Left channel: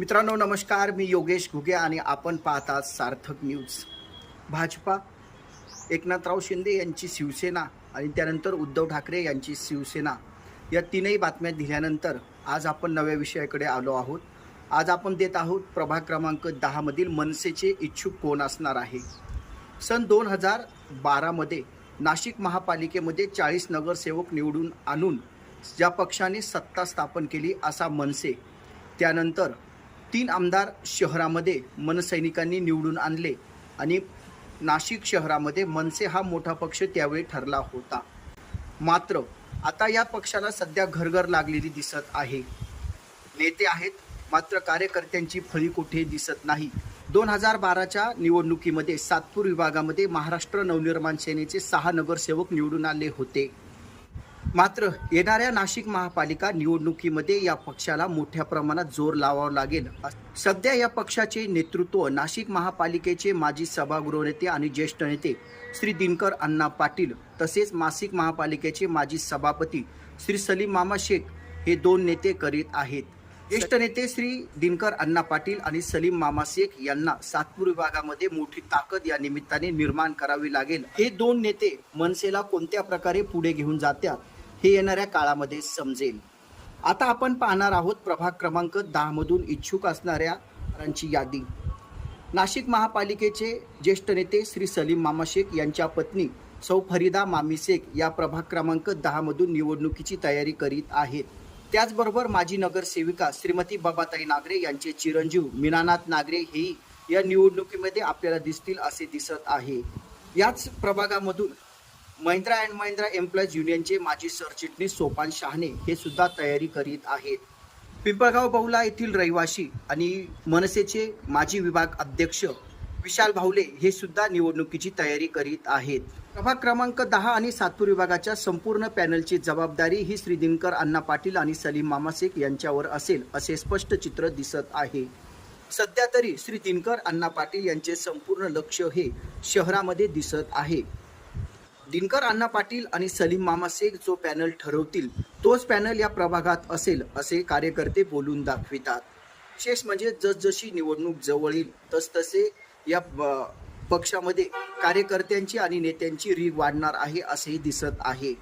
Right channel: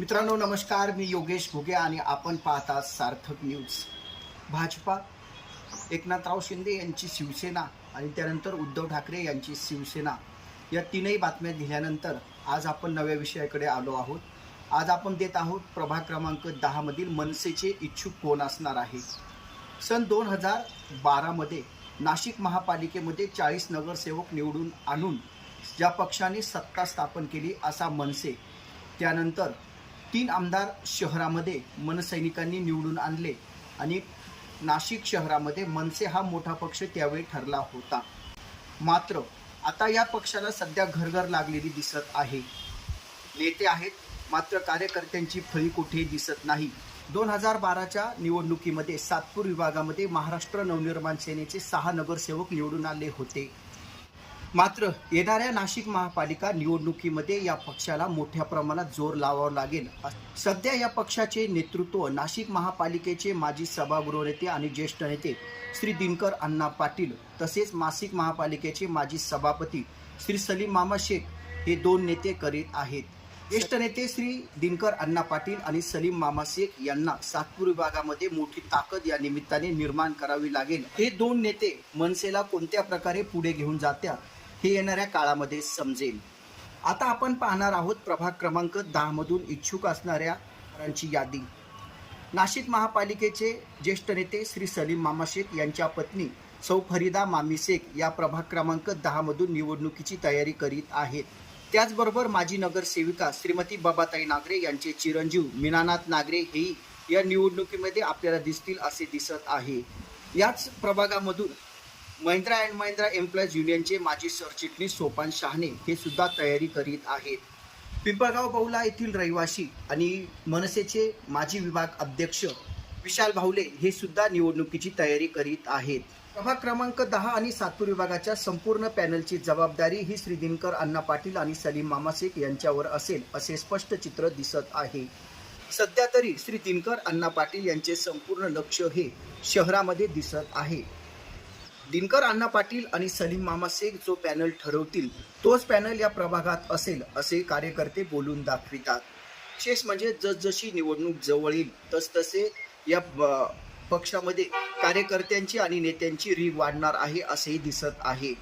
मित्रांनो नमस्कार. मी योगेश घुगे आणि आपण पाहता सार्थक न्यूज. भाजपा एकनाथराव शिंदे यांची शिवसेना आणि त्यानंतर उद्धव ठाकरे यांची शिवसेना या तीनही बातम्या दिल्यानंतर आज आपण नव्या विषयाकडे आलो आहोत. आज आपण देत आहोत प्रभाग क्रमांक दहामधील मनसेचे इच्छुक कोण असणार आहे? सन दोन हजार बारामध्ये नाशिक महापालिकेमध्ये चाळीस नगरसेवक निवडून आणून ज्या पक्षाने सत्ता स्थापन केली असा मनसे त्यानंतर तीन आमदार शहरामध्ये मनसैनिकांनी निवडून आणले आणि नाशिक शहरामध्ये मनसे हा मोठा पक्ष त्यावेळी ठरला होता. मात्र आता या पक्षाला सध्या घरघर लागलेली दिसत आहे. नेते आहेत मात्र कार्यकर्त्यांची फळी कुठेही दिसत नाही. दोन हजार बाराच्या निवडणुकीमध्ये सातपूर विभागामध्ये महाराष्ट्र नवनिर्माण सेनेचे सहा नगरसेवक निवडून आले होते. मात्र येणाऱ्या नाशिक महापालिका निवडणुकीमध्ये या पक्षाला मोठ्या प्रमाणात जोर लावावा लागेल. सध्या या पक्षाचे नेतृत्व नाशिक महापालिकेचे माजी सभागृह नेते आणि ज्येष्ठ नेते श्री दिनकर अण्णा पाटील तसेच नाशिक महापालिकेचे माजी सभापती श्री सलीम मामा शेख हे दोन नेते करीत आहेत. ज्येष्ठ नेते श्री दिनकर अण्णा पाटील आणि सलीम मामा शेख यांना सातपूर विभागामध्ये मोठी ताकद या निमित्ताने निर्माण करावी लागेल. हे दोन नेते मनसेला कोणत्या प्रकारे पुढे घेऊन जात्या हे येणाऱ्या काळामध्ये समजेल. आता आपण पाहणार आहोत प्रभाग क्रमांक दहामधून इच्छुक असणाऱ्यांची यादी. नाशिक महापालिकेचे ज्येष्ठ नेते श्री सलीम मामा शेख यांच्या पत्नी सौ फरीदा मामी शेख या प्रभाग क्रमांक दहामधून निवडणुकीची तयारी करीत आहेत. त्याचबरोबर माजी नगरसेविका श्रीमती बाबाताई नागरे यांचे चिरंजीव मीनानाथ नागरे हेही या निवडणुकीमध्ये आपल्याला दिसतील असे दिसत आहे. याच प्रभागामधून महिंद्रा अँड महिंद्रा एम्प्लॉईज युनियनचे माजी सरचिटणीस सोपान शहाणे हे सुद्धा तयारी करीत आहेत. पिंपळगाव बहुला येथील रहिवासी आणि मनसेचे माजी विभाग अध्यक्ष विशाल भावले हे सुद्धा निवडणुकीची तयारी करीत आहेत. प्रभाग क्रमांक दहा आणि सातपूर विभागाच्या संपूर्ण पॅनलची जबाबदारी ही श्री दिनकर अण्णा पाटील आणि सलीम मामा शेख यांच्यावर असेल असे स्पष्ट चित्र दिसत आहे. सध्या तरी श्री दिनकर अण्णा पाटील यांचे संपूर्ण लक्ष हे शहरामध्ये दिसत आहे. दिनकर अण्णा पाटील आणि सलीम मामा शेख जो पॅनल ठरवतील तोच पॅनल या प्रभागात असेल असे कार्यकर्ते बोलून दाखवितात. विशेष म्हणजे जसजशी निवडणूक जवळ येईल तसतसे या पक्षामध्ये कार्यकर्त्यांची आणि नेत्यांची रीग वाढणार आहे असेही दिसत आहे.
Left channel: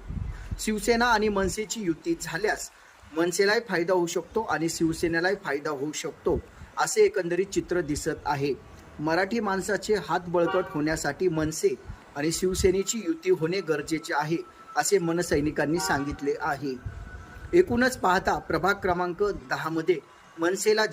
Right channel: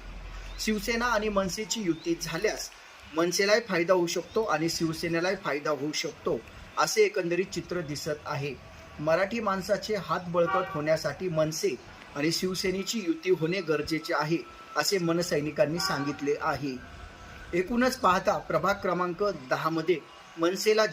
शिवसेना आणि मनसेची युती झाल्यास मनसेलाही फायदा होऊ शकतो आणि शिवसेनेलाही फायदा होऊ शकतो असे एकंदरीत चित्र दिसत आहे. मराठी माणसाचे हात बळकट होण्यासाठी मनसे आणि शिवसेनेची युती होणे गरजेचे आहे असे मनसैनिकांनी सांगितले आहे. एकूणच पाहता प्रभाग क्रमांक दहा मध्ये मनसेला